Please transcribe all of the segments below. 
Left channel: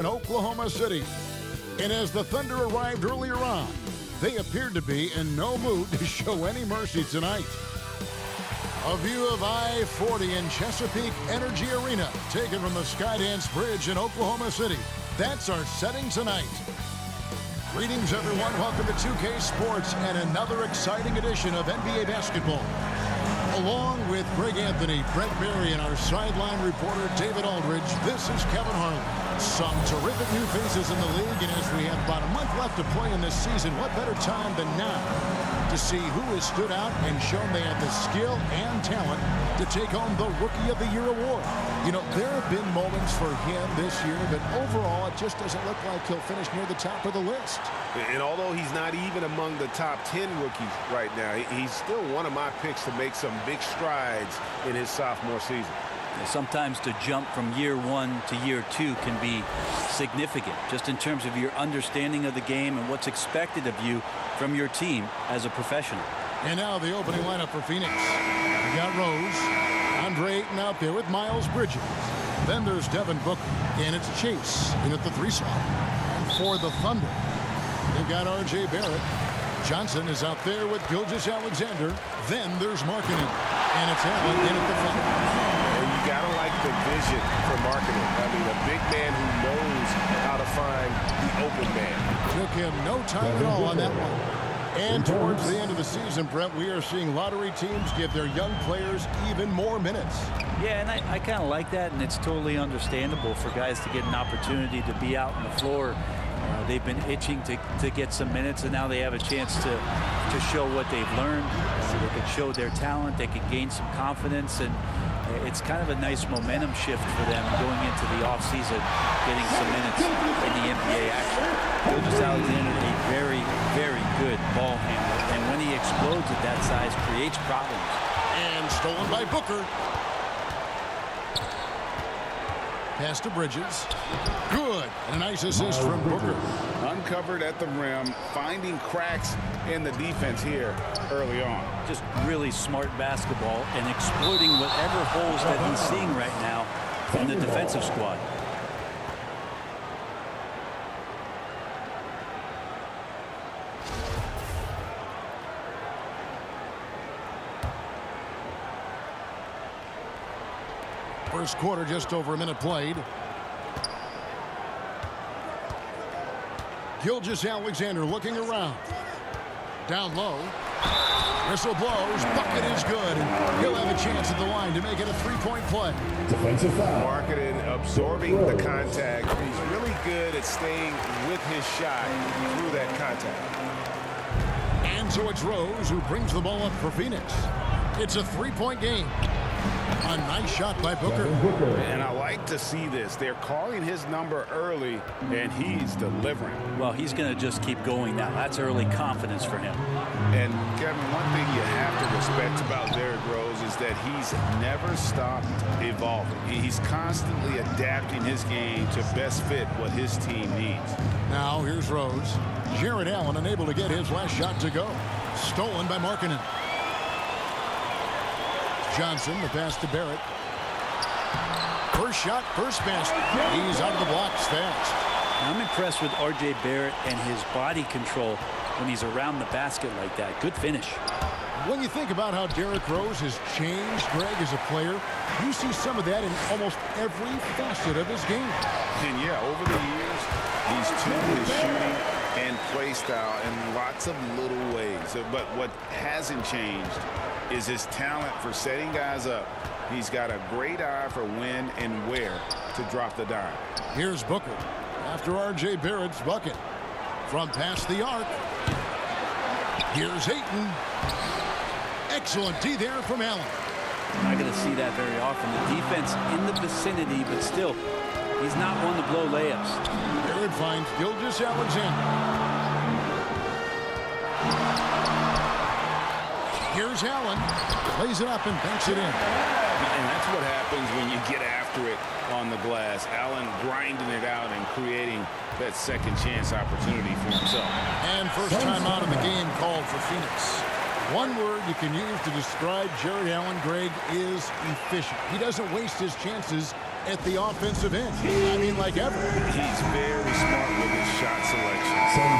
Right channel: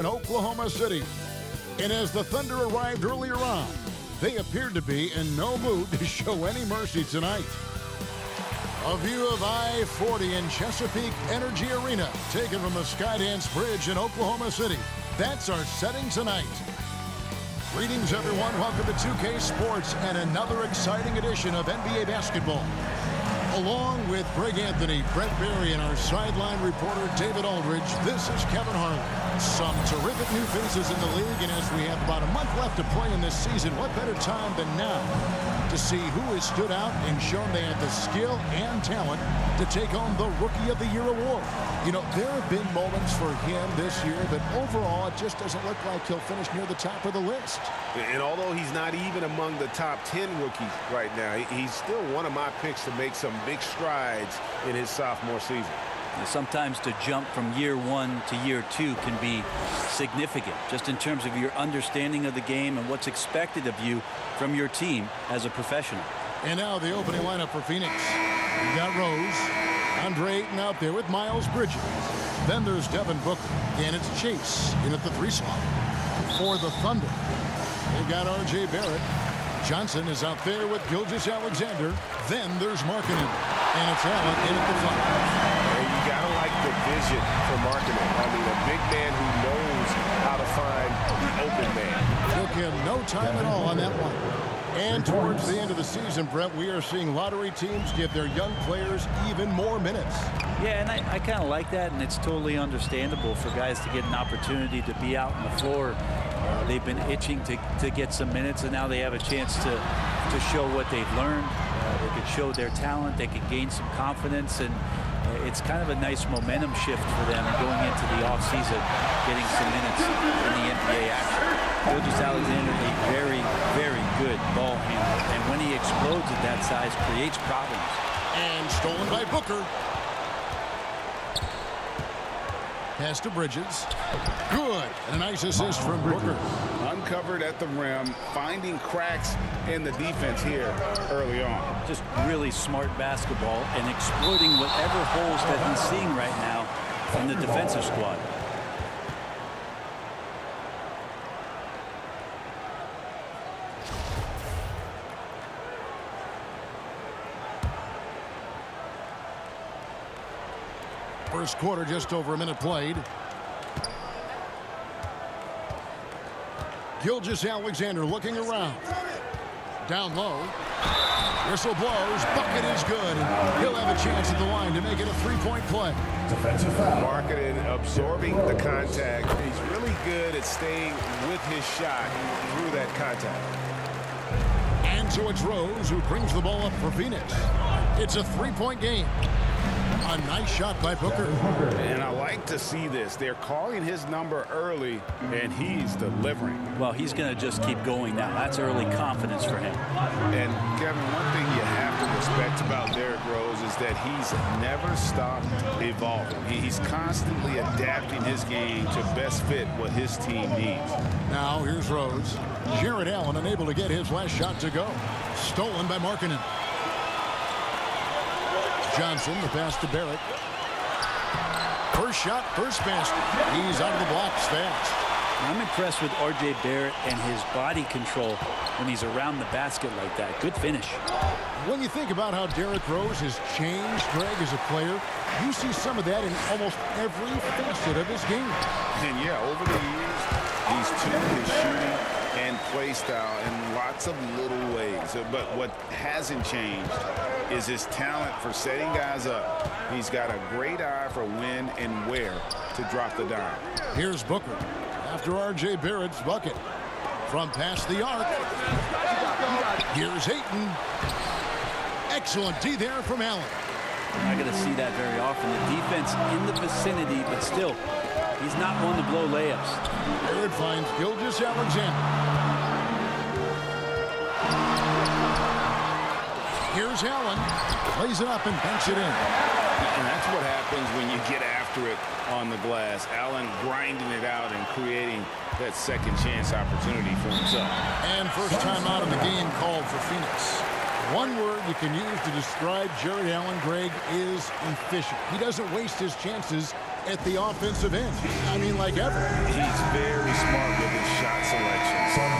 in Oklahoma City. And as the Thunder arrived earlier on, they appeared to be in no mood to show any mercy tonight. A view of I-40 in Chesapeake Energy Arena, taken from the Skydance Bridge in Oklahoma City. That's our setting tonight. Greetings, everyone. Welcome to 2K Sports and another exciting edition of NBA basketball. Along with Greg Anthony, Brent Berry, and our sideline reporter David Aldridge, this is Kevin Harlan. Some terrific new faces in the league, and as we have about a month left to play in this season, what better time than now to see who has stood out and shown they had the skill and talent to take home the Rookie of the Year award. You know, there have been moments for him this year, but overall it just doesn't look like he'll finish near the top of the list. And although he's not even among the top 10 rookies right now, he's still one of my picks to make some big strides in his sophomore season. Sometimes to jump from year one to year two can be significant, just in terms of your understanding of the game and what's expected of you from your team as a professional. And now the opening lineup for Phoenix. You got Rose, Andre Ayton out there with Miles Bridges. Then there's Devin Booker, and it's Chase in at the 3 slot. And for the Thunder, they've got R.J. Barrett. Johnson is out there with Gilgeous-Alexander. Then there's Markkanen, and it's Allen in at the 5. And you got to like the vision for Markkanen. I mean, a big man who knows how to find the open man. Took him no time at all on that one. And towards the end of the season, Brent, we are seeing lottery teams give their young players even more minutes. Yeah, and I kind of like that, and it's totally understandable for guys to get an opportunity to be out on the floor. They've been itching to get some minutes, and now they have a chance to show what they've learned. They could show their talent. They could gain some confidence, and it's kind of a nice momentum shift for them going into the offseason, getting some minutes in the NBA action. Gilgeous-Alexander, a very, very good ball handler, and when he explodes at that size, creates problems. And stolen by Booker. Pass to Bridges. Good. And a nice assist from Booker. Uncovered at the rim, finding cracks in the defense here early on. Just really smart basketball and exploiting whatever holes that he's seeing right now in the defensive squad. First quarter, just over a minute played. Gilgeous-Alexander looking around. Down low. Whistle blows. Bucket is good. And he'll have a chance at the line to make it a 3-point play. Defensive foul. Markkanen absorbing the contact. He's really good at staying with his shot through that contact. And so it's Rose who brings the ball up for Phoenix. It's a 3-point game. A nice shot by Booker. And I like to see this. They're calling his number early, and he's delivering. Well, he's going to just keep going now. That's early confidence for him. And, Kevin, one thing you have to respect about Derrick Rose is that he's never stopped evolving. He's constantly adapting his game to best fit what his team needs. Now here's Rose. Jarrett Allen unable to get his last shot to go. Stolen by Markkanen. Johnson, the pass to Barrett. First shot, first basket. He's out of the blocks fast. I'm impressed with R.J. Barrett and his body control when he's around the basket like that. Good finish. When you think about how Derrick Rose has changed, Greg, as a player, you see some of that in almost every facet of his game. And, yeah, over the years, he's tuned his shooting and play style in lots of little ways. But what hasn't changed is his talent for setting guys up. He's got a great eye for when and where to drop the dime. Here's Booker after R.J. Barrett's bucket. From past the arc. Here's Ayton. Excellent D there from Allen. Not going to see that very often. The defense in the vicinity, but still, he's not one to blow layups. Barrett finds Gilgeous-Alexander. Here's Allen. Plays it up and banks it in. And that's what happens when you get after it on the glass. Allen grinding it out and creating that second chance opportunity for himself. And first time out of the game called for Phoenix. One word you can use to describe Jarrett Allen, Greg, is efficient. He doesn't waste his chances at the offensive end. I mean, like ever. He's very smart with his shot selection,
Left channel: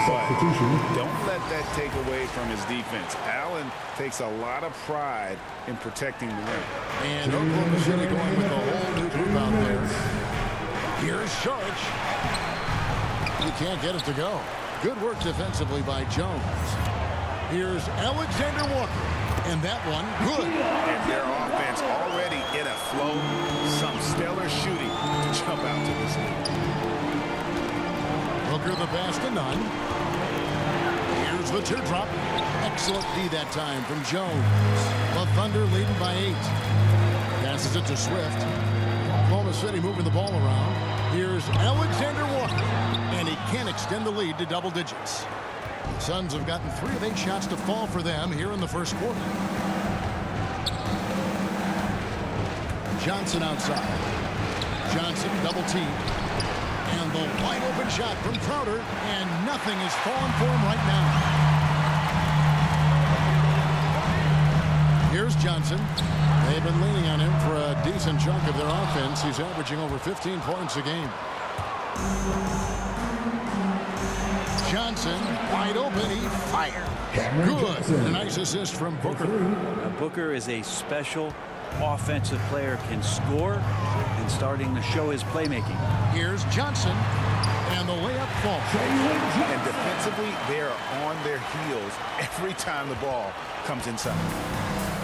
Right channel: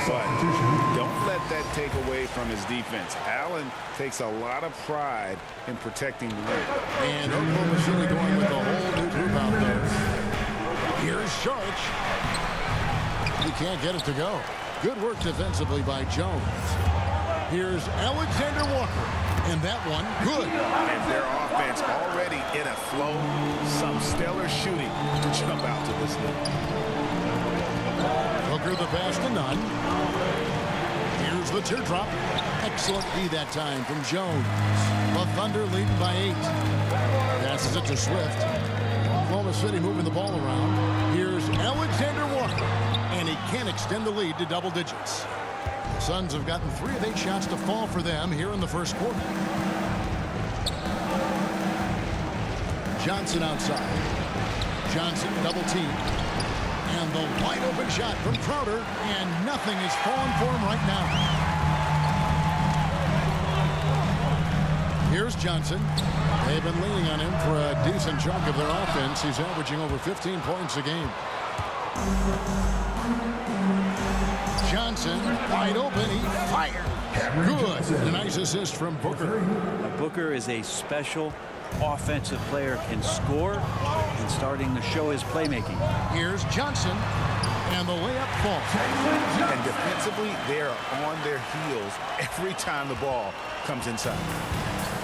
but don't let that take away from his defense. Allen takes a lot of pride in protecting the rim. And Oklahoma City going with a whole new group out there. Here's Sharch. He can't get it to go. Good work defensively by Jones. Here's Alexander Walker. And that one, good. And their offense already in a flow. Some stellar shooting to jump out to this lead. Booker the pass to Nunn. Here's the teardrop. Excellent D that time from Jones. The Thunder leading by 8. Passes it to Swift. Oklahoma City moving the ball around. Here's Alexander Walker. And he can't extend the lead to double digits. The Suns have gotten 3 of 8 shots to fall for them here in the first quarter. Johnson outside. Johnson double team. And the wide open shot from Crowder. And nothing is falling for him right now. Here's Johnson. They've been leaning on him for a decent chunk of their offense. He's averaging over 15 points a game. Johnson wide open. He fired. Good. A nice assist from Booker. Booker is a special offensive player, can score and starting to show his playmaking. Here's Johnson. And the layup falls. And defensively, they're on their heels every time the ball comes inside.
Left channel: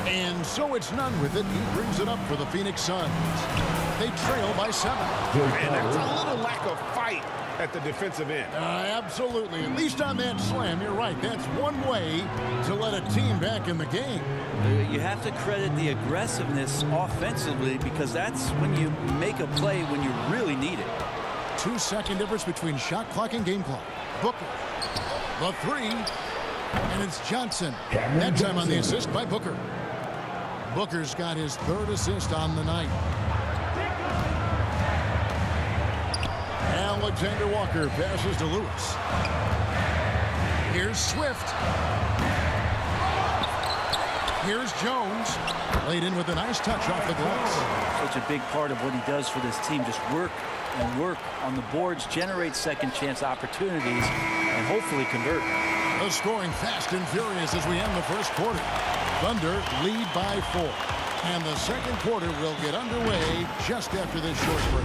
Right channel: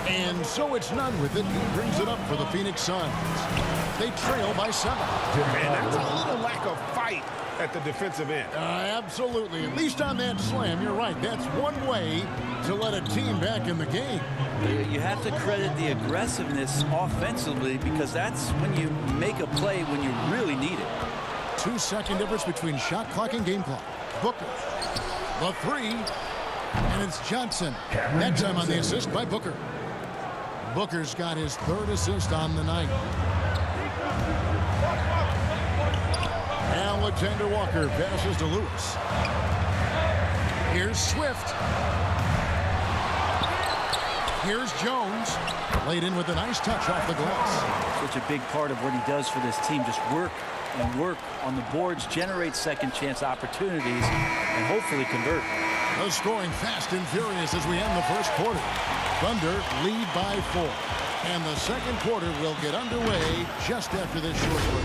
And so it's Nunn with it. He brings it up for the Phoenix Suns. They trail by 7. And that's a little lack of fight at the defensive end. Absolutely. At least on that slam, you're right. That's one way to let a team back in the game. You have to credit the aggressiveness offensively because that's when you make a play when you really need it. 2-second difference between shot clock and game clock. Booker. The 3. And it's Johnson. That time on the assist by Booker. Booker's got his 3rd assist on the night. Alexander Walker passes to Lewis. Here's Swift. Here's Jones. Laid in with a nice touch off the glass. Such a big part of what he does for this team. Just work and work on the boards, generate second chance opportunities, and hopefully convert. The scoring fast and furious as we end the first quarter. Thunder lead by 4. And the second quarter will get underway just after this short break.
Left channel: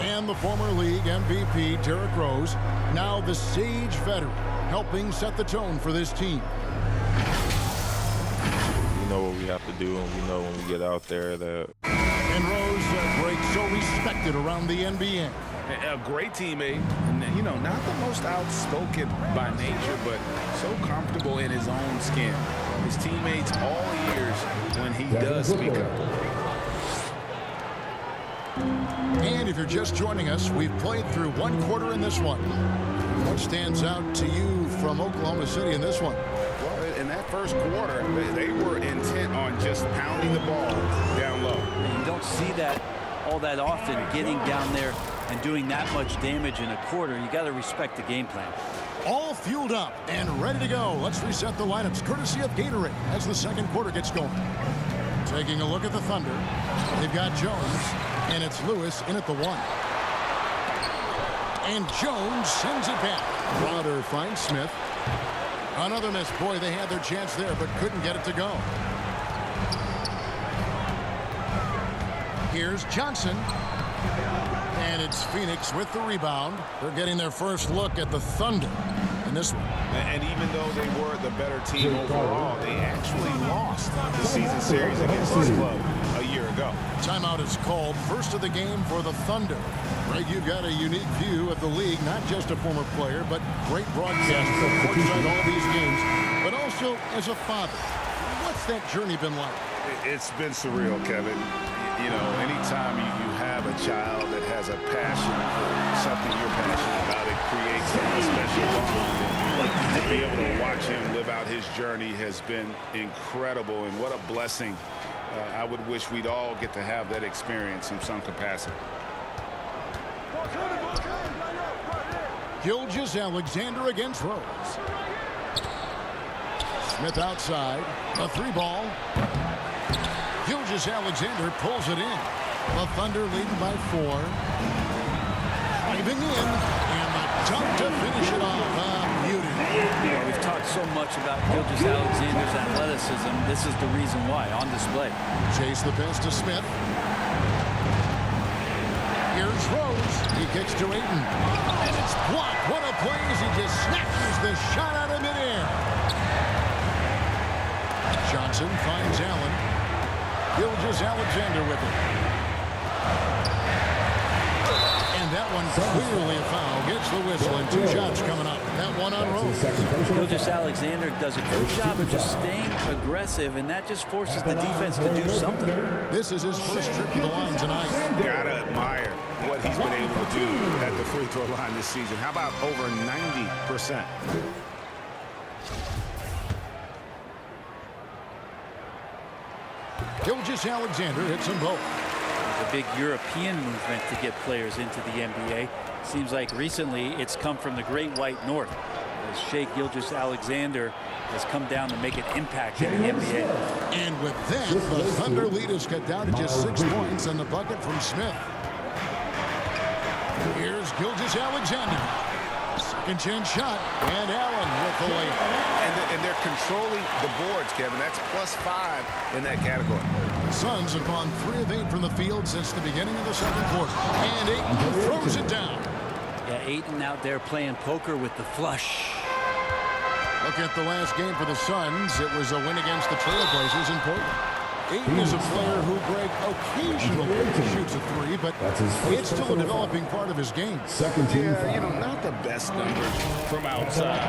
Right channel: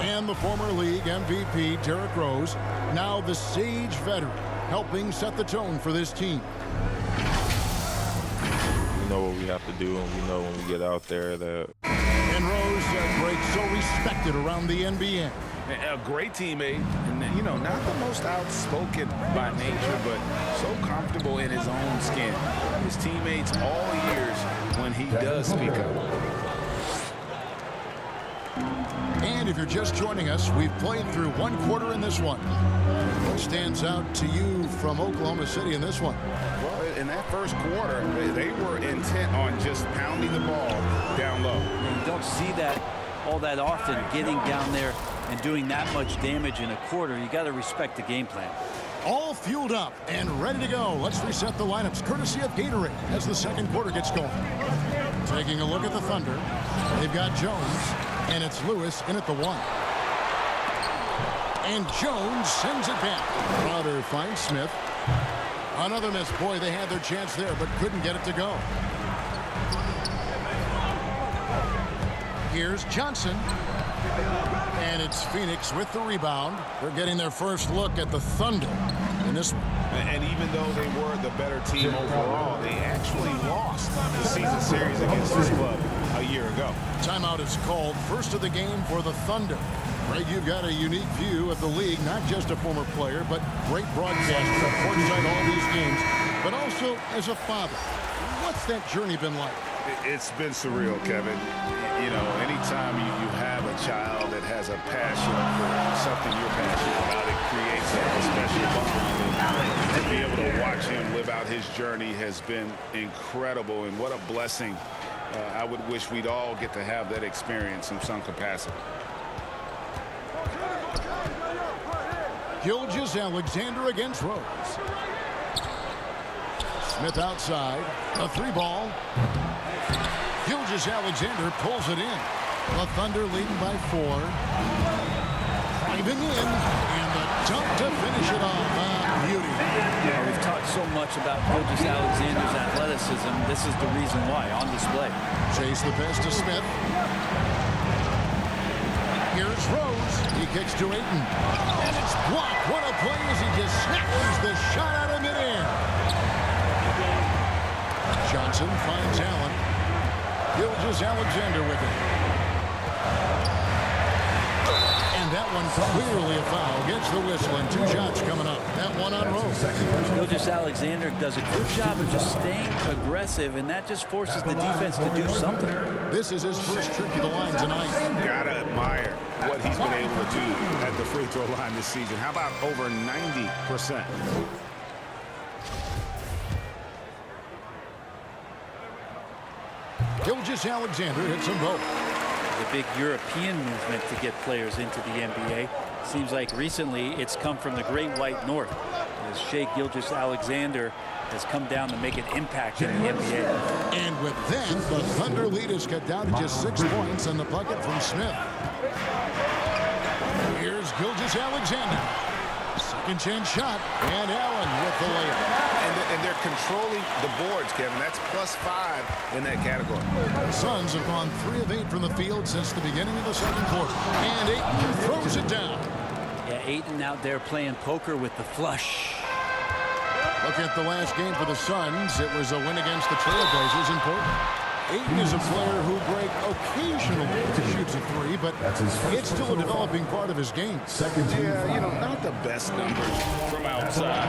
And the former league MVP, Derrick Rose, now the Sage veteran, helping set the tone for this team. We know what we have to do, and we know when we get out there that. And Rose, great, so respected around the NBA. A great teammate, and you know, not the most outspoken by nature, but so comfortable in his own skin. His teammates all years when he does speak up. And if you're just joining us, we've played through one quarter in this one. What stands out to you from Oklahoma City in this one? Well, in that first quarter, they were intent on just pounding the ball down low. And you don't see that all that often, getting down there and doing that much damage in a quarter. You got to respect the game plan. All fueled up and ready to go. Let's reset the lineups courtesy of Gatorade as the second quarter gets going. Taking a look at the Thunder. They've got Jones, and it's Lewis in at the 1. And Jones sends it back. Crowder finds Smith. Another miss. Boy, they had their chance there, but couldn't get it to go. Here's Johnson. And it's Pheonix with the rebound. They're getting their first look at the Thunder in this one. And even though they were the better team overall, they actually lost the season series against this club a year ago. Timeout is called. First of the game for the Thunder. Greg, you've got a unique view of the league, not just a former player, but great broadcaster, courtside all these games, but also as a father. What's that journey been like? It's been surreal, Kevin. You know, anytime you have a child that has a passion for something you're passionate about, it creates a special bond. And to be able to watch him live out his journey has been incredible. And what a blessing. I would wish we'd all get to have that experience in some capacity. Gilgeous-Alexander against Rose. Smith outside. A 3-ball. Gilgeous-Alexander pulls it in. The Thunder leading by 4. Driving in. And the dunk to finish it off. A beauty. Well, we've talked so much about Gilgeous-Alexander's athleticism. This is the reason why, on display. Chase the pass to Smith. Here's Rose. He kicks to Ayton. And it's blocked. What a play as he just snatches the shot out of midair. Johnson finds Allen. Gilgeous-Alexander with it. And that one clearly a foul. Gets the whistle and 2 shots coming up. That one on Rose. Gilgeous-Alexander does a good job of just staying aggressive, and that just forces the defense to do something. This is his first trip to the line tonight. Gotta admire what he's been able to do at the free throw line this season. How about over 90%? Gilgeous-Alexander hits them both. There's a big European movement to get players into the NBA. Seems like recently it's come from the Great White North, as Shai Gilgeous-Alexander has come down to make an impact in the NBA. And with that, the Thunder lead is cut down to just 6 points on the bucket from Smith. Here's Gilgeous-Alexander. Second chance shot, and Allen with the layup. And they're controlling the boards, Kevin. That's +5 in that category. The Suns have gone 3 of 8 from the field since the beginning of the second quarter. And Ayton throws it down. Yeah, Ayton out there playing poker with the flush. Look at the last game for the Suns. It was a win against the Trailblazers in Portland. Ayton is a player who, Greg, occasionally shoots a 3, but it's still a developing part of his game. Yeah, you know, not the best numbers from outside.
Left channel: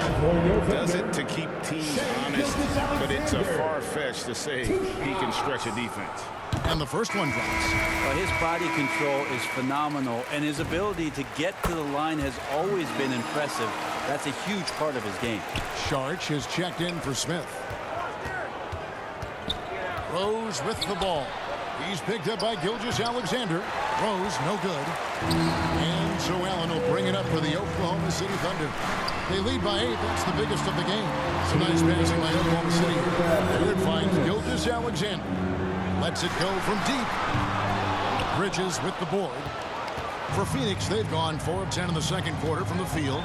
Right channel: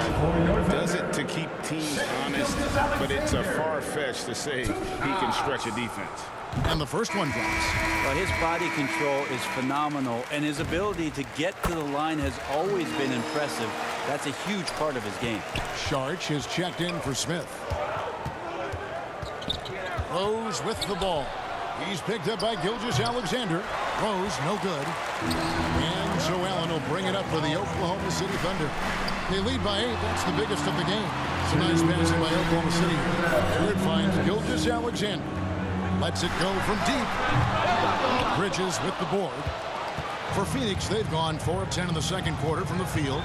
Does it to keep teams honest, but it's a far-fetched to say he can stretch a defense. And the first one drops. Well, his body control is phenomenal, and his ability to get to the line has always been impressive. That's a huge part of his game. Sharch has checked in for Smith. Rose with the ball. He's picked up by Gilgeous-Alexander. Rose, no good. And so Allen will bring it up for the Oklahoma City Thunder. They lead by 8. That's the biggest of the game. Some nice passing by Oklahoma City. There it finds Gilgeous-Alexander. Lets it go from deep. Bridges with the board. For Phoenix, they've gone 4 of 10 in the second quarter from the field.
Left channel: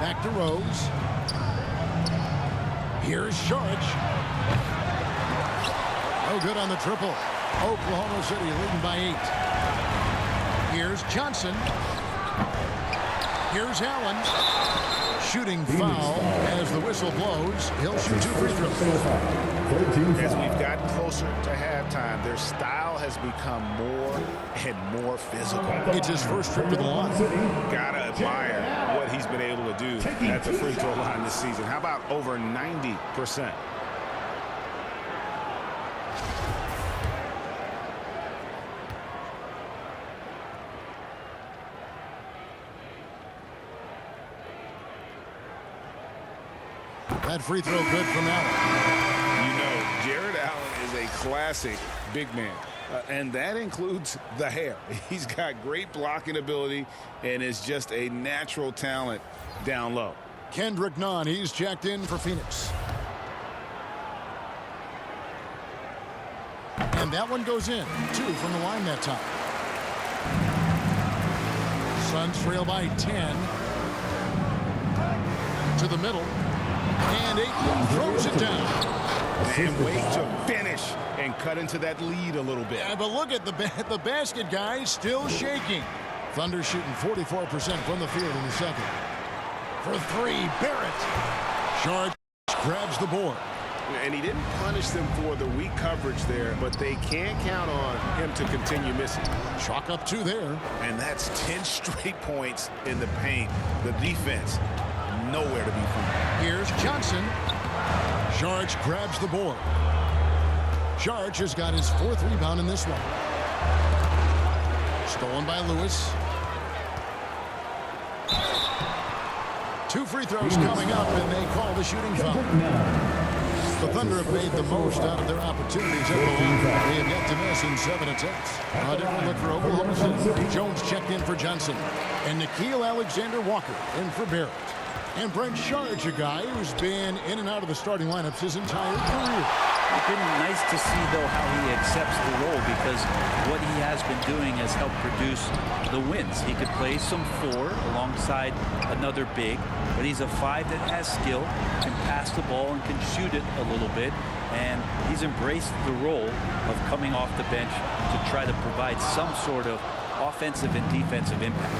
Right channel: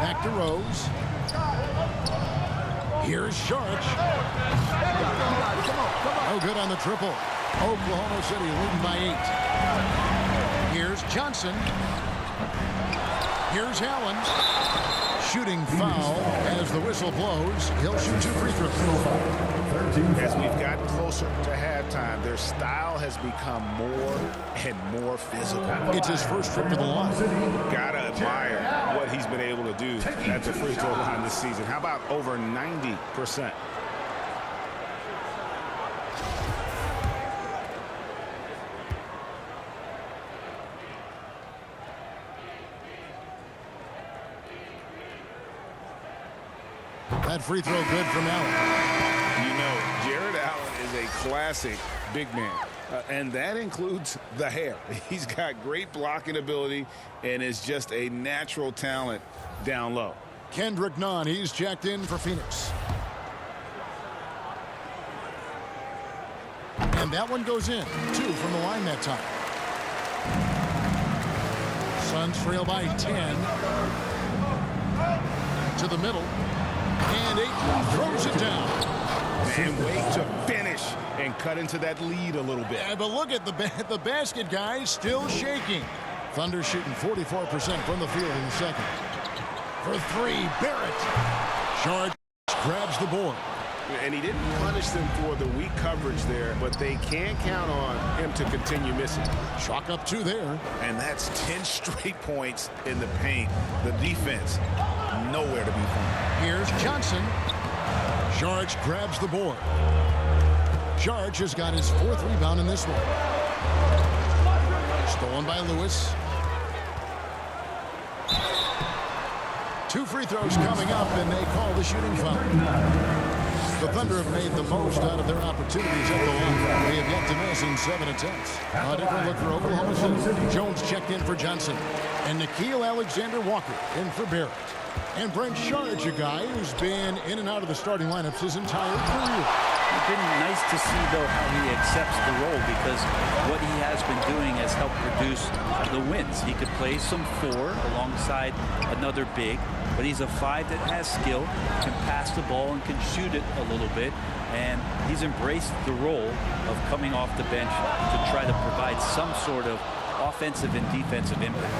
Back to Rose. Here's Sharch. No good on the triple. Oklahoma City leading by 8. Here's Johnson. Here's Allen. Shooting foul as the whistle blows. He'll shoot 2 free throws. As we've gotten closer to halftime, their style has become more and more physical. It's his first trip to the line. Gotta admire what he's been able to do at the free throw line this season. How about over 90%? That free throw good from Allen. You know, Jared Allen is a classic big man, and that includes the hair. He's got great blocking ability and is just a natural talent down low. Kendrick Nunn, he's checked in for Phoenix. And that one goes in. 2 from the line that time. Suns trail by 10. To the middle. And Ayton throws it down. And wait to finish and cut into that lead a little bit. Yeah, but look at the basket, guys, still shaking. Thunder shooting 44% from the field in the second. For 3, Barrett. Sharch grabs the board. And he didn't punish them for the weak coverage there, but they can't count on him to continue missing. Chalk up 2 there. And that's 10 straight points in the paint. The defense, nowhere to be found. Here's Johnson. Sharch grabs the board. Sharch has got his 4th rebound in this one. Stolen by Lewis. 2 free throws coming up, and they call the shooting foul. The Thunder have made the most out of their opportunities at the line. They have yet to miss in 7 attempts. A different look for Oklahoma City. Jones checked in for Johnson. And Nickeil Alexander-Walker in for Barrett. And Brent Sharge, a guy who's been in and out of the starting lineups his entire career. It's been nice to see, though, how he accepts the role, because what he has been doing has helped produce the wins. He could play some 4 alongside another big, but he's a 5 that has skill, can pass the ball and can shoot it a little bit, and he's embraced the role of coming off the bench to try to provide some sort of offensive and defensive impact.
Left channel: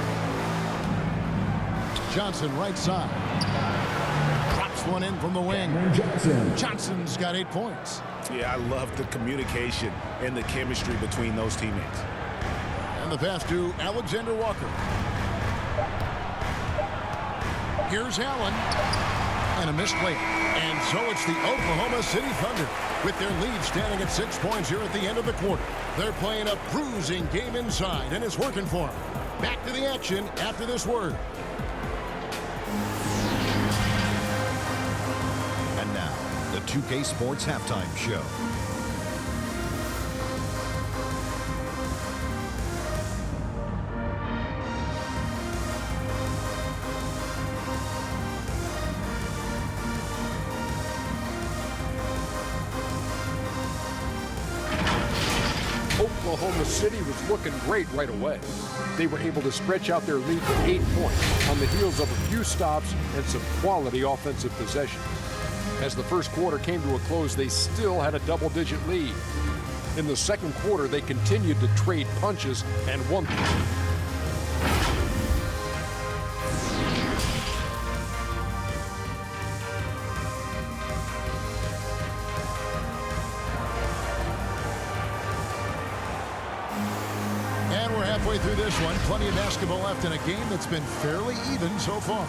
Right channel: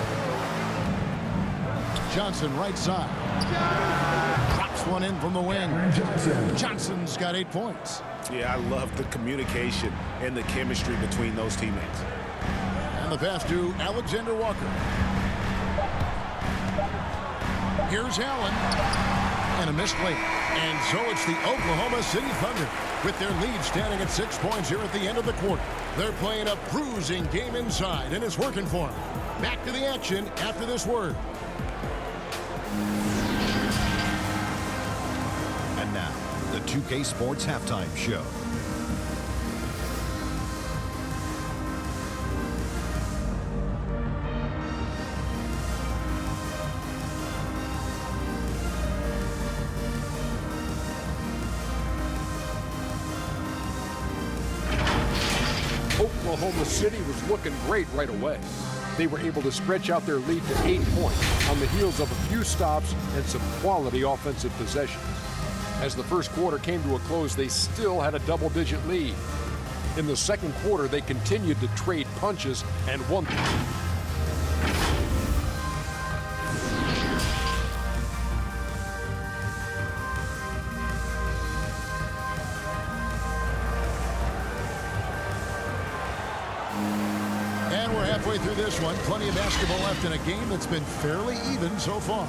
Johnson right side. Drops one in from the wing. Johnson's got 8 points. Yeah, I love the communication and the chemistry between those teammates. And the pass to Alexander-Walker. Here's Allen. And a missed layup. And so it's the Oklahoma City Thunder with their lead standing at 6 points here at the end of the quarter. They're playing a bruising game inside, and it's working for them. Back to the action after this word. And now, the 2K Sports Halftime Show. Oklahoma City was looking great right away. They were able to stretch out their lead to 8 points on the heels of a few stops and some quality offensive possessions. As the first quarter came to a close, they still had a double-digit lead. In the second quarter, they continued to trade punches and won. And we're halfway through this one. Plenty of basketball left in a game that's been fairly even so far.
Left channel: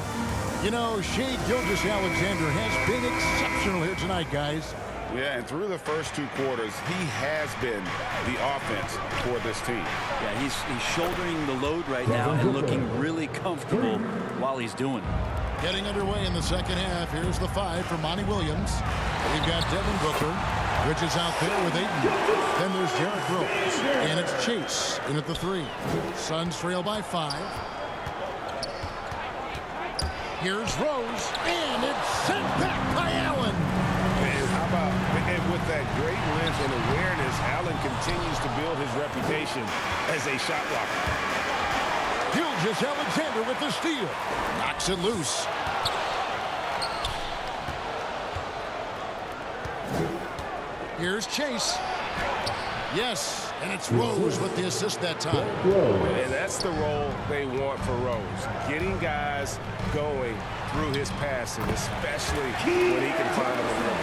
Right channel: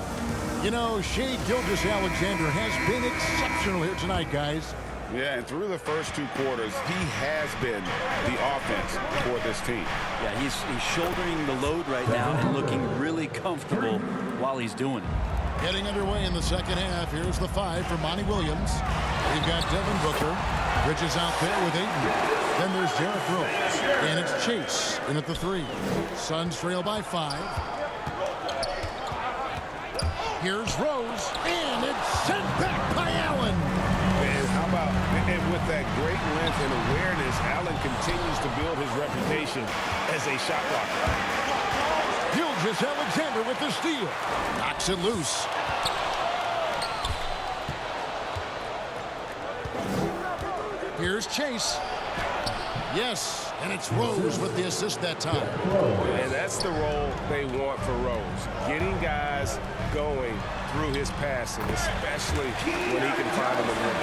You know, Shai Gilgeous-Alexander has been exceptional here tonight, guys. Yeah, and through the first 2 quarters, he has been the offense for this team. Yeah, he's shouldering the load right now and looking really comfortable while he's doing it. Getting underway in the second half. Here's the 5 for Monty Williams. We've got Devin Booker. Bridges out there with Ayton. Then there's Derrick Rose. And it's Chase in at the 3. Suns trail by 5. Here's Rose, and it's sent back by Allen. And how about, and with that great length and awareness, Allen continues to build his reputation as a shot blocker. Gilgeous-Alexander with the steal. Knocks it loose. Here's Chase. Yes, and it's Rose with the assist that time. And that's the role they want for Rose. Getting guys going through his passing, especially when he can find them in the rim.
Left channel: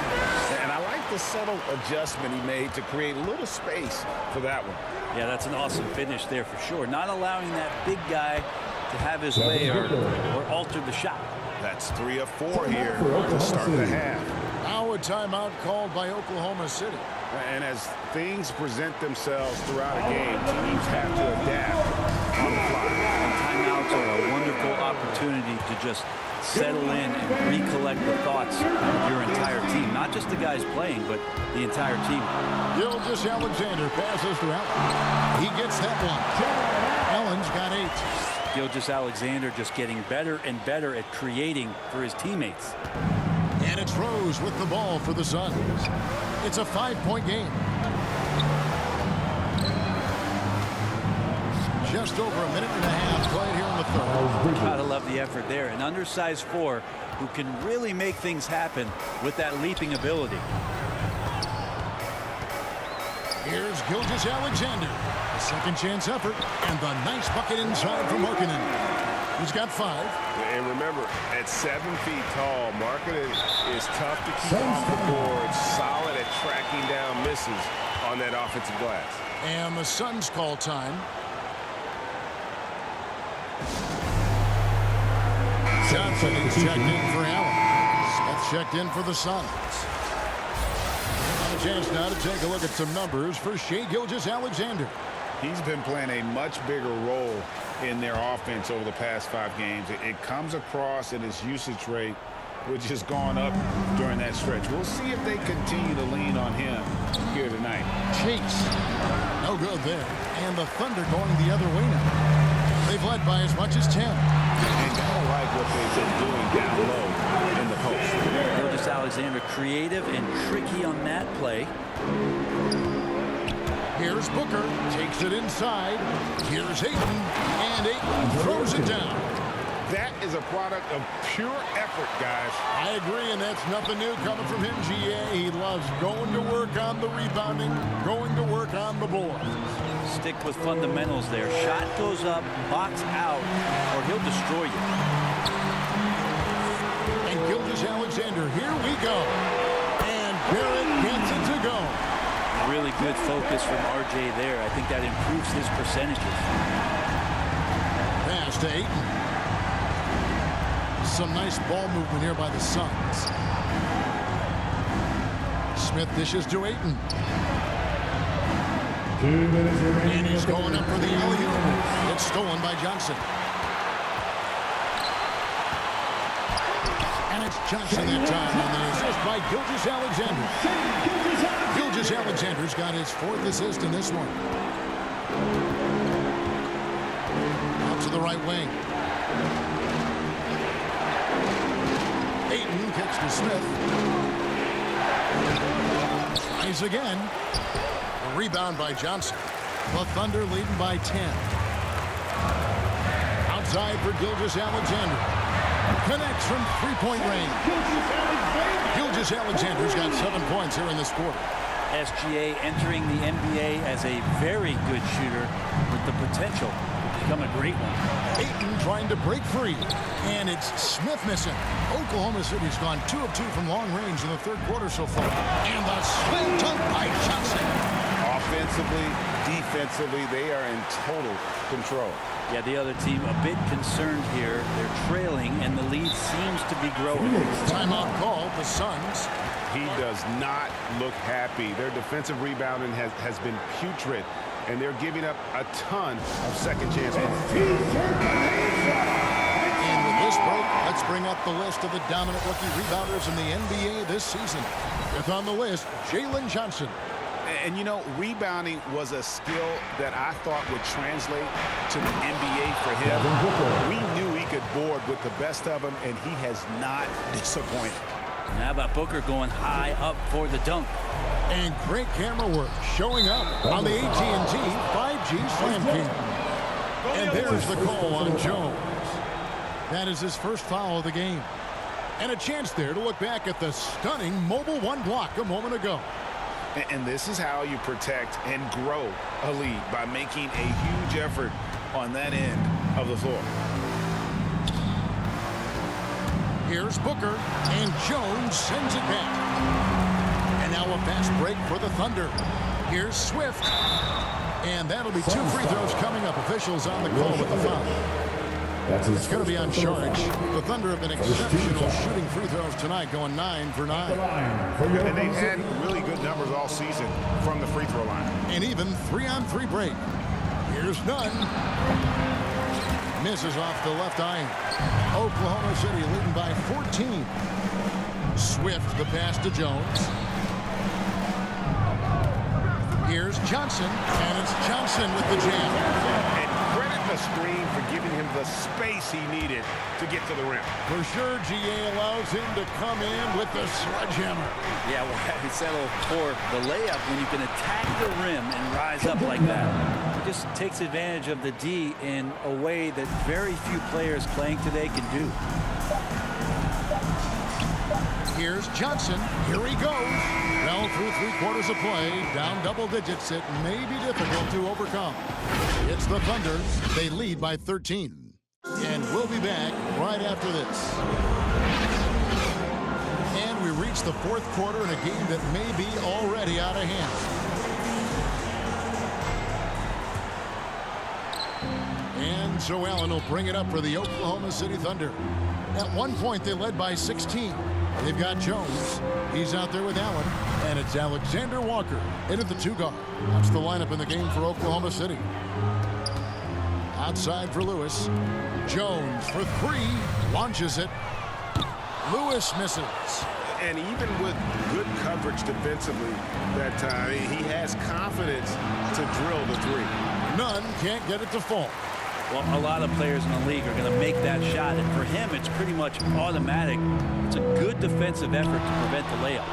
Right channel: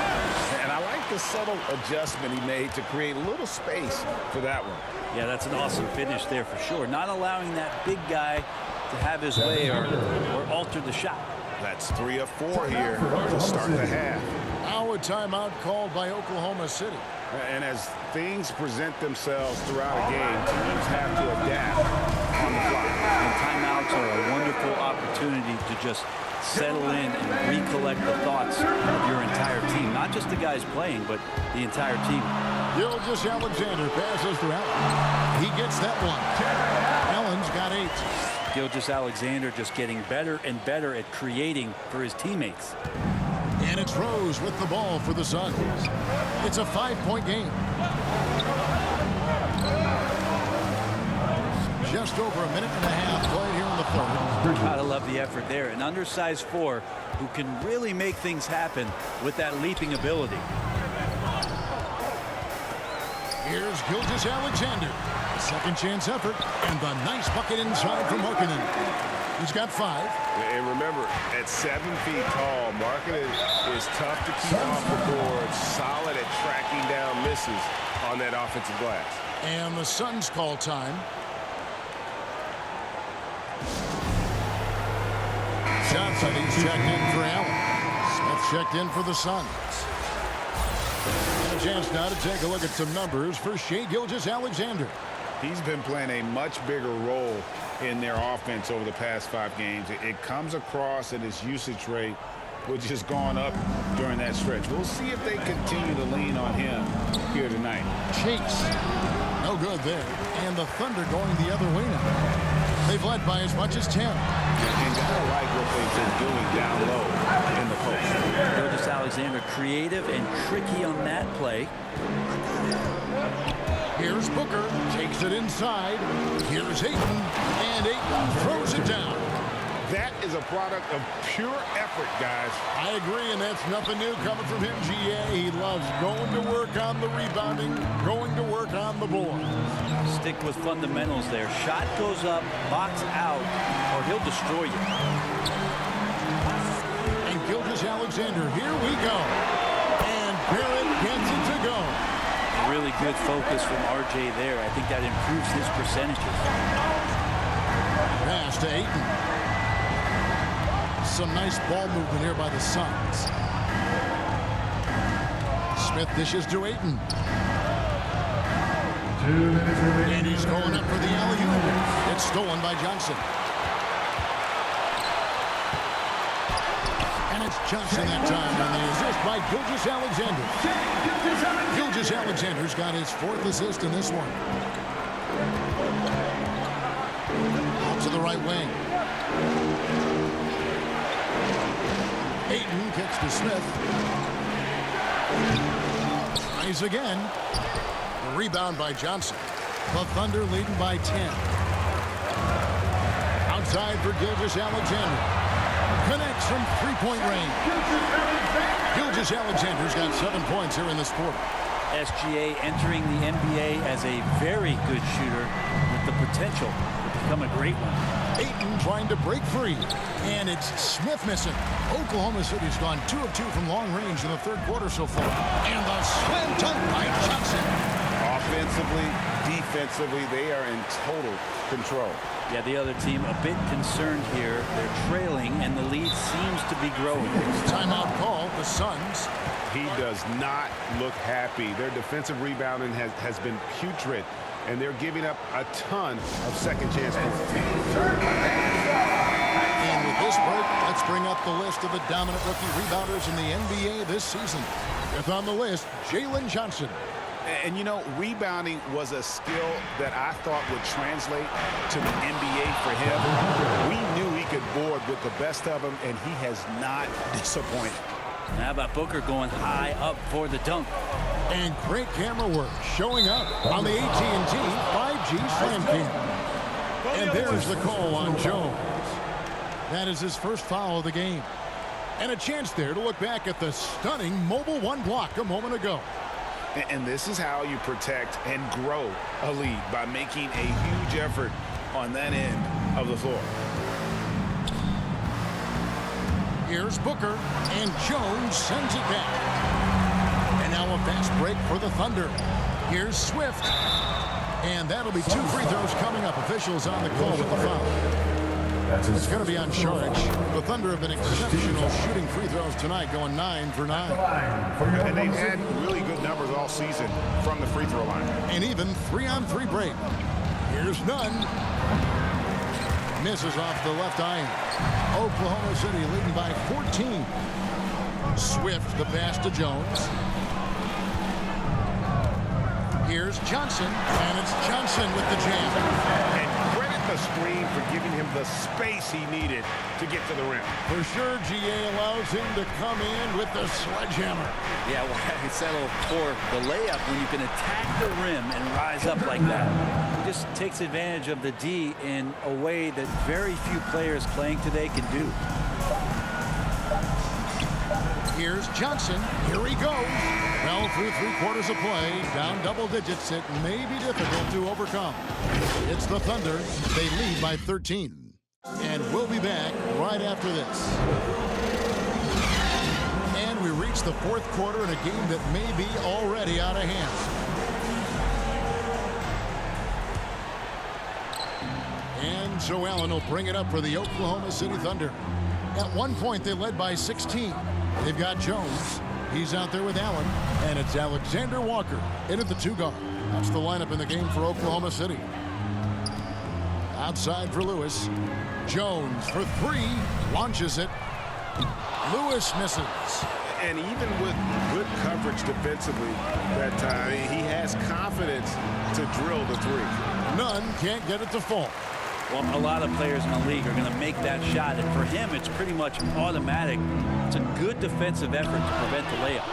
And I like the subtle adjustment he made to create a little space for that one. Yeah, that's an awesome finish there for sure. Not allowing that big guy to have his way or alter the shot. That's 3 of 4 here to start the half. Now a timeout called by Oklahoma City. And as things present themselves throughout a game, teams have to adapt on the fly. And timeouts are a wonderful opportunity to just settle in and recollect the thoughts of your entire team. Not just the guys playing, but the entire team. Gilgeous-Alexander passes to Allen. He gets that one. Allen's got 8. Gilgeous-Alexander just getting better and better at creating for his teammates. And it's Rose with the ball for the Suns. It's a 5-point game. Just over a minute and a half played here in the third. Gotta love the effort there. An undersized 4 who can really make things happen with that leaping ability. Here's Gilgeous-Alexander. A second chance effort and the nice bucket inside from Markkanen. He's got 5. And remember, at 7 feet tall, Markkanen is tough to keep off the board, solid at tracking down misses on that offensive glass. And the Suns call time. Johnson, he's checked in for Allen. Smith checked in for the Suns. And a chance now to take a look at some numbers for Shai Gilgeous-Alexander. He's been playing a much bigger role in their offense over the past 5 games. It comes across in his usage rate which has gone up during that stretch. We'll see if they continue to lean on him here tonight. Chase. No good there. And the Thunder going the other way now. They've led by as much as 10. And gotta like what they've been doing down low in the post. Gilgeous-Alexander creative and tricky on that play. Here's Booker, takes it inside. Here's Ayton, and Ayton throws it down. That is a product of pure effort, guys. I agree, and that's nothing new coming from him, GA. He loves going to work on the rebounding, going to work on the boards. Stick with fundamentals there. Shot goes up, box out, or he'll destroy you. And Gilgeous-Alexander, here we go. And Barrett gets it to go. A really good focus from RJ there. I think that improves his percentages. Pass to Ayton. Some nice ball movement here by the Suns. Smith dishes to Ayton. 2 minutes remaining. And he's going up for the alley-oop. It's stolen by Johnson. And it's Johnson that time on the assist by Gilgeous-Alexander. Gilgeous-Alexander's got his 4th assist in this one. Out to the right wing. Ayton kicks to Smith. Tries again. A rebound by Johnson. The Thunder leading by 10. Outside for Gilgeous-Alexander. Connects from three-point range. Gilgeous-Alexander's got 7 points here in this quarter. SGA entering the NBA as a very good shooter with the potential to become a great one. Ayton trying to break free. And it's Smith missing. Oklahoma City's gone 2 of 2 from long range in the 3rd quarter so far. And the slam dunk by Johnson. Offensively, defensively, they are in total control. Yeah, the other team a bit concerned here. They're trailing, and the lead seems to be growing. Timeout call, the Suns. He does not look happy. Their defensive rebounding has been putrid, and they're giving up a ton of second chance points. And with this break, let's bring up the list of the dominant rookie rebounders in the NBA this season. 5th on the list, Jalen Johnson. And, you know, rebounding was a skill that I thought would translate to the NBA for him. We knew he could board with the best of them, and he has not disappointed. Now about Booker going high up for the dunk. And great camera work showing up on the AT&T 5G Slam Cam. And there's the call on Jones. That is his first foul of the game. And a chance there to look back at the stunning Mobile One block a moment ago. And this is how you protect and grow a lead, by making a huge effort on that end of the floor. Here's Booker, and Jones sends it back. And now a fast break for the Thunder. Here's Swift. And that'll be 2 free throws coming up. Officials on the call with the foul. It's going to be on charge. The Thunder have been exceptional shooting free throws tonight, going 9 for 9. And they've had really good numbers all season from the free throw line. And even 3-on-3 break. Here's Nunn. Misses off the left iron. Oklahoma City leading by 14. Swift, the pass to Jones. Here's Johnson, and it's Johnson with the jam. And credit the screen for giving him the space he needed to get to the rim. For sure, GA allows him to come in with the sledgehammer. Yeah, why settle for the layup when you can attack the rim and rise up like that? He just takes advantage of the D in a way that very few players playing today can do. Here's Johnson. Here he goes. Well, through 3/4 of play, down double digits, it may be difficult to overcome. It's the Thunder. They lead by 13. And we'll be back right after this. And we reach the 4th quarter in a game that may be already out of hand. And Joe Allen will bring it up for the Oklahoma City Thunder. At one point, they led by 16. They've got Jones. He's out there with Allen. And it's Alexander Walker in at the 2 guard. That's the lineup in the game for Oklahoma City. Outside for Lewis. Jones for 3. Launches it. Lewis misses. And even with good coverage defensively that time, he has confidence to drill the three. Nunn can't get it to fall. Well, a lot of players in the league are going to make that shot, and for him, it's pretty much automatic. It's a good defensive effort to prevent the layup.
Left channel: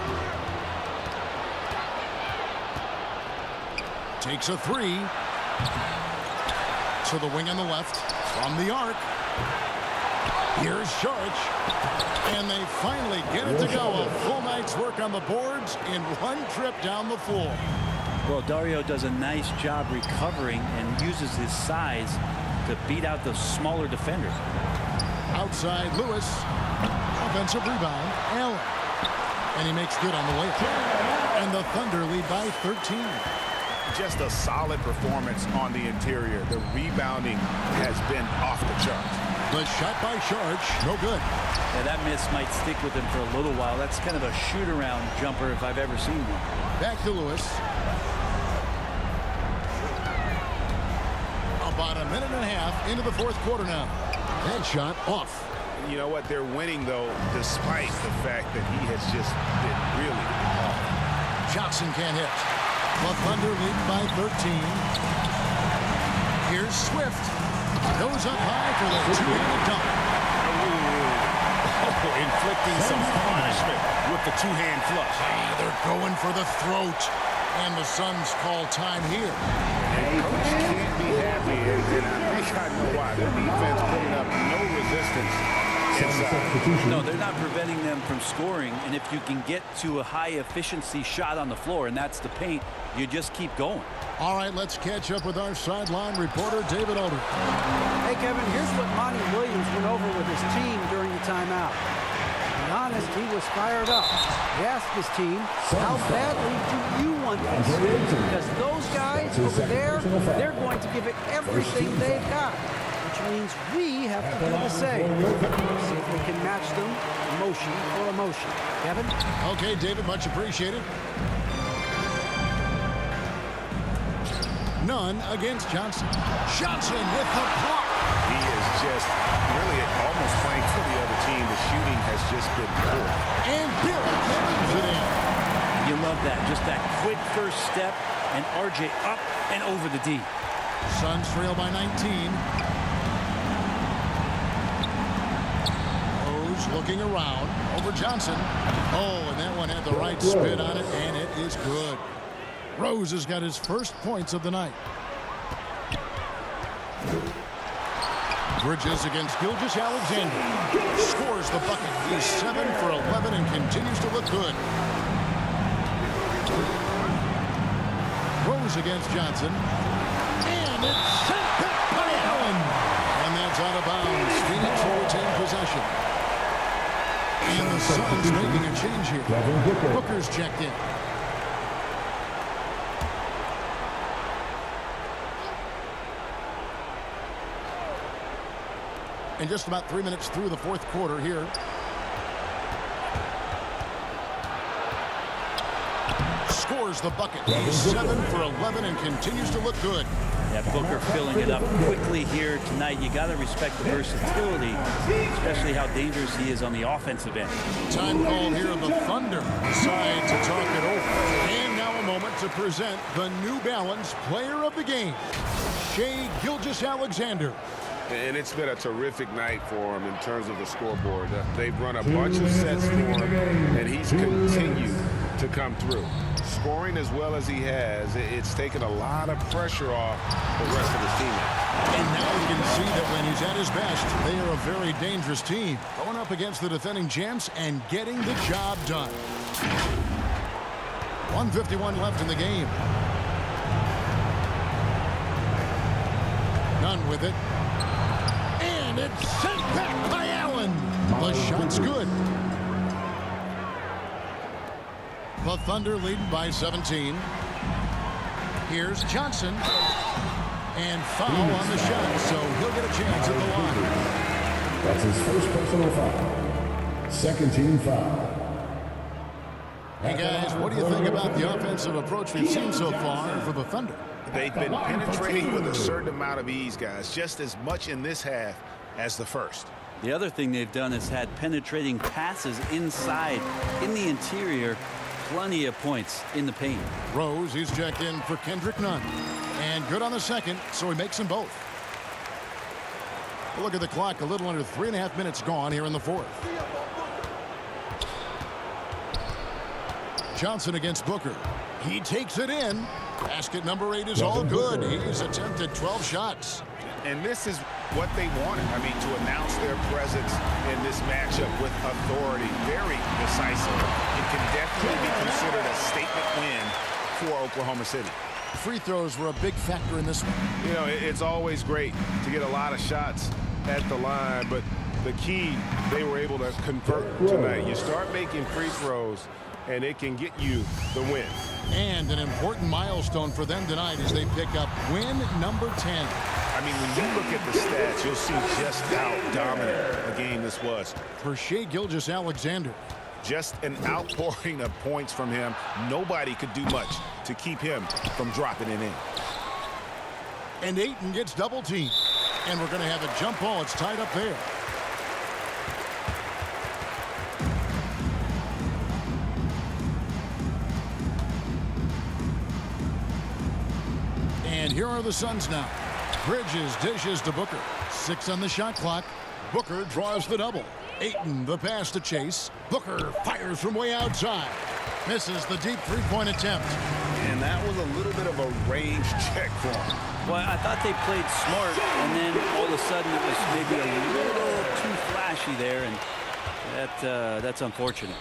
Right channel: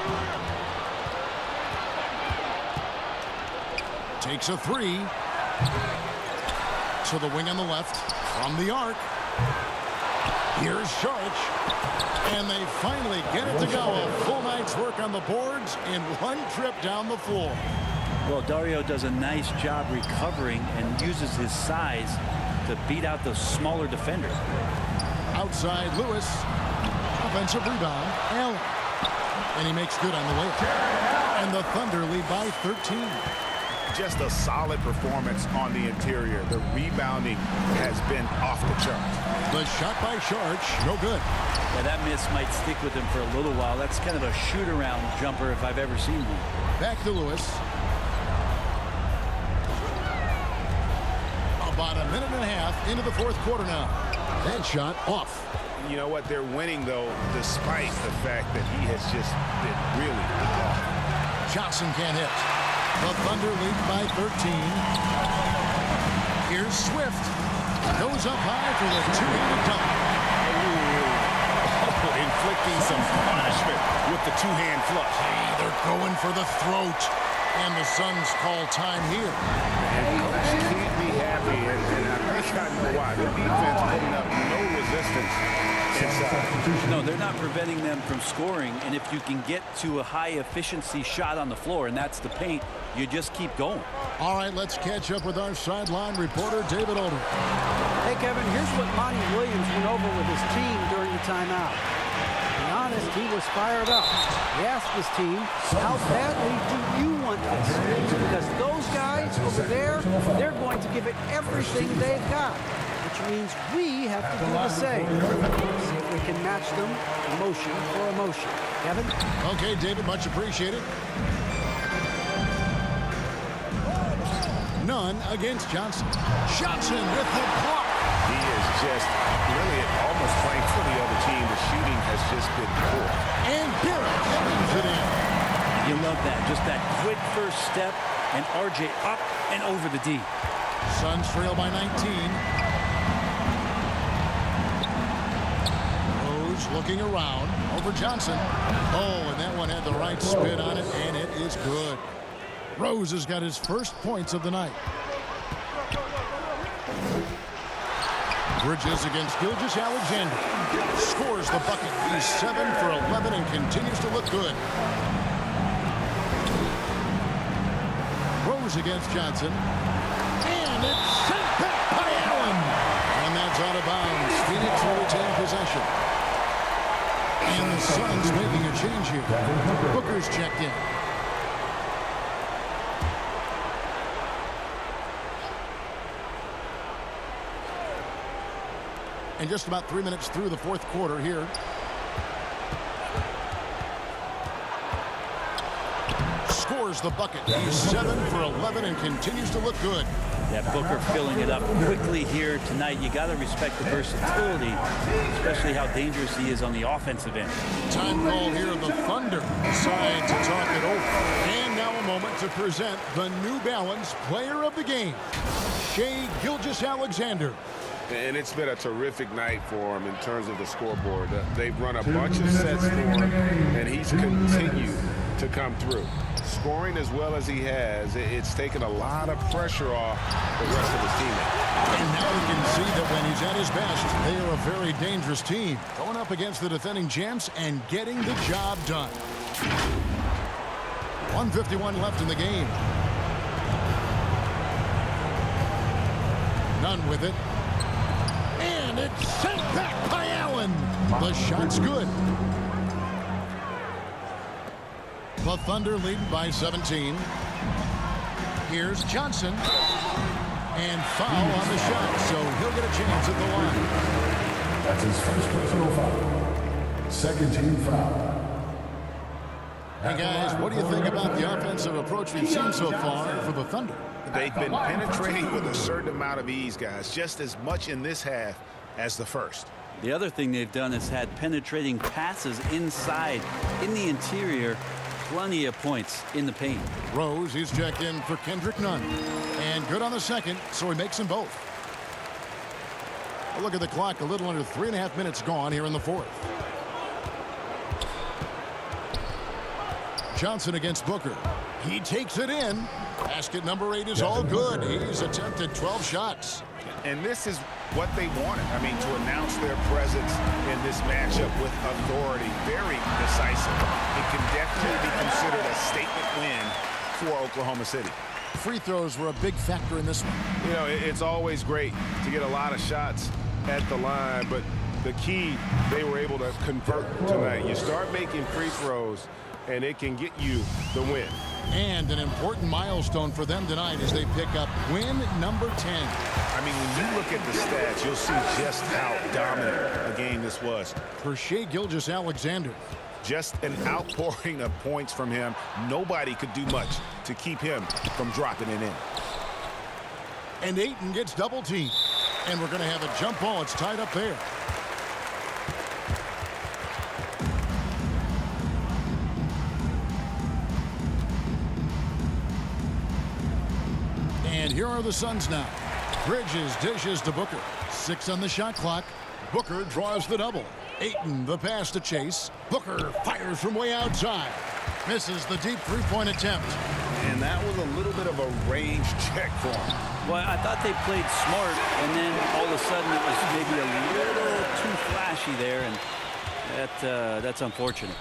Takes a three. To the wing on the left. From the arc. Here's Sharch. And they finally get it to go. A full night's work on the boards in one trip down the floor. Well, Dario does a nice job recovering and uses his size to beat out the smaller defender. Outside Lewis. Offensive rebound. Allen. And he makes good on the layup. And the Thunder lead by 13. Just a solid performance on the interior. The rebounding has been off the charts. The shot by Sharch, no good. Yeah, that miss might stick with him for a little while. That's kind of a shoot-around jumper if I've ever seen one. Back to Lewis. About a minute and a half into the fourth quarter now. That shot off. You know what? They're winning, though, despite the fact that he has just been really off. Johnson can't hit. The Thunder lead by 13. Here's Swift. Goes up high for the two-handed dunk. Oh, inflicting some punishment with the two-hand flush. They're going for the throat. And the Suns call time here. And coach can't be happy, and I think I know why. The defense putting up no resistance inside. No, they're not preventing them from scoring, and if you can get to a high-efficiency shot on the floor, and that's the paint, you just keep going. All right, let's catch up with our sideline reporter, David Aldridge. Hey, Kevin, here's what Monty Williams went over with his team during the timeout. To be honest, he was fired up. He asked his team, how badly do you want this? Because those guys over there, they're going to give it everything they've got, which means we have to do the same. See if we can match them emotion for emotion. Kevin? Okay, David, much appreciated. Nunn against Johnson. Johnson with the block. He is just really almost playing for the other team. The shooting has just been poor. And Barrett brings it in. You love that. Just that quick first step, and RJ up and over the D. Suns trail by 19. Rose looking around over Johnson. Oh, and that one had the right spin on it, and it is good. Rose has got his first points of the night. Bridges against Gilgeous-Alexander. Scores the bucket. He's 7 for 11 and continues to look good. Rose against Johnson. And it's sent back by Allen. And that's out of bounds. Phoenix will retain possession. And the Suns making a change here. Booker's checked in. And just about 3 minutes through the fourth quarter here. Scores the bucket. He's 7 for 11 and continues to look good. Yeah, Booker filling it up quickly here tonight. You got to respect the versatility, especially how dangerous he is on the offensive end. Time called here. The Thunder decide to talk it over. And now a moment to present the New Balance Player of the Game, Shai Gilgeous-Alexander. And it's been a terrific night for him in terms of the scoreboard. They've run a bunch of sets for him, and he's continued to come through. Scoring as well as he has, it's taken a lot of pressure off the rest of his teammates. And now you can see that when he's at his best, they are a very dangerous team. Going up against the defending champs and getting the job done. 1:51 left in the game. Nunn with it. And it's sent back by Allen. The shot's good. The Thunder leading by 17. Here's Johnson. And foul on the shot, so he'll get a chance at the line. That's his first personal foul. Second team foul. Hey guys, what do you think about the offensive approach we've seen so far for the Thunder? They've been penetrating with a certain amount of ease, guys, just as much in this half as the first. The other thing they've done is had penetrating passes inside, in the interior, plenty of points in the paint. Rose, he's checked in for Kendrick Nunn. And good on the second, so he makes them both. A look at the clock, a little under 3.5 minutes gone here in the fourth. Johnson against Booker. He takes it in. Basket number 8 is all good. He's attempted 12 shots. And this is what they wanted. I mean, to announce their presence in this matchup with authority. Very decisive. It can definitely be considered a statement win for Oklahoma City. Free throws were a big factor in this one. You know, it's always great to get a lot of shots at the line, but the key, they were able to convert tonight. You start making free throws, and it can get you the win. And an important milestone for them tonight as they pick up win number 10. I mean, when you look at the stats, you'll see just how dominant a game this was. For Shai Gilgeous-Alexander. Just an outpouring of points from him. Nobody could do much to keep him from dropping it in. And Ayton gets double teamed. And we're going to have a jump ball. It's tied up there. And here are the Suns now. Bridges dishes to Booker. 6 on the shot clock. Booker draws the double. Ayton the pass to Chase. Booker fires from way outside. Misses the deep three-point attempt. And that was a little bit of a range check for him. Well, I thought they played smart, and then all of a sudden it was maybe a little too flashy there, and that's unfortunate.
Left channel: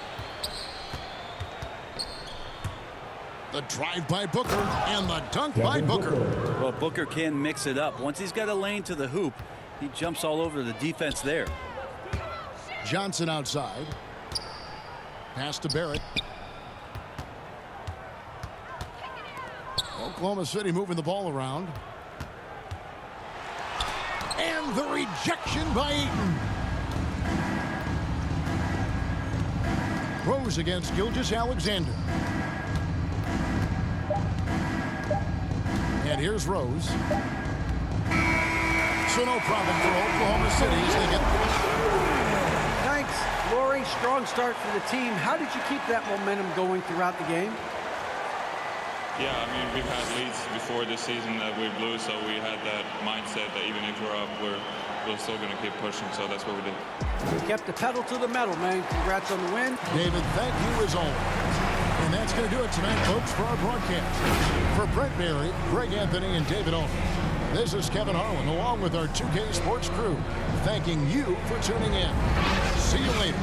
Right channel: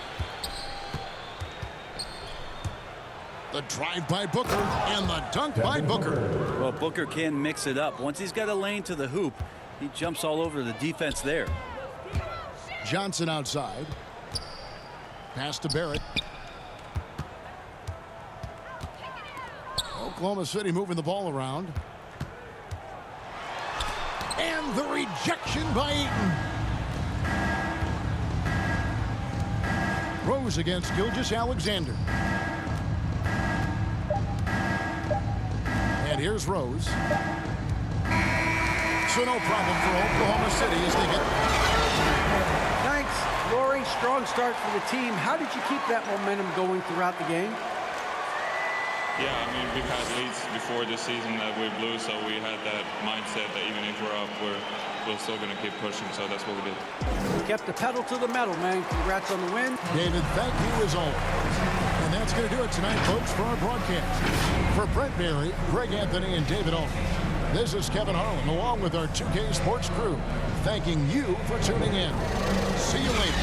The drive by Booker and the dunk by Booker. Well, Booker can mix it up. Once he's got a lane to the hoop, he jumps all over the defense there. Johnson outside. Pass to Barrett. Oklahoma City moving the ball around. And the rejection by Ayton. Rose against Gilgeous-Alexander. And here's Rose. So no problem for Oklahoma City as they get... Thanks, Lori. Strong start for the team. How did you keep that momentum going throughout the game? Yeah, I mean, we've had leads before this season that we blew, so we had that mindset that even if we're up, we're still going to keep pushing, so that's what we did. You kept the pedal to the metal, man. Congrats on the win. David, thank you as always. And that's going to do it tonight, folks, for our broadcast. For Brent Berry, Greg Anthony, and David Olney, this is Kevin Harlan, along with our 2K Sports crew, thanking you for tuning in. See you later.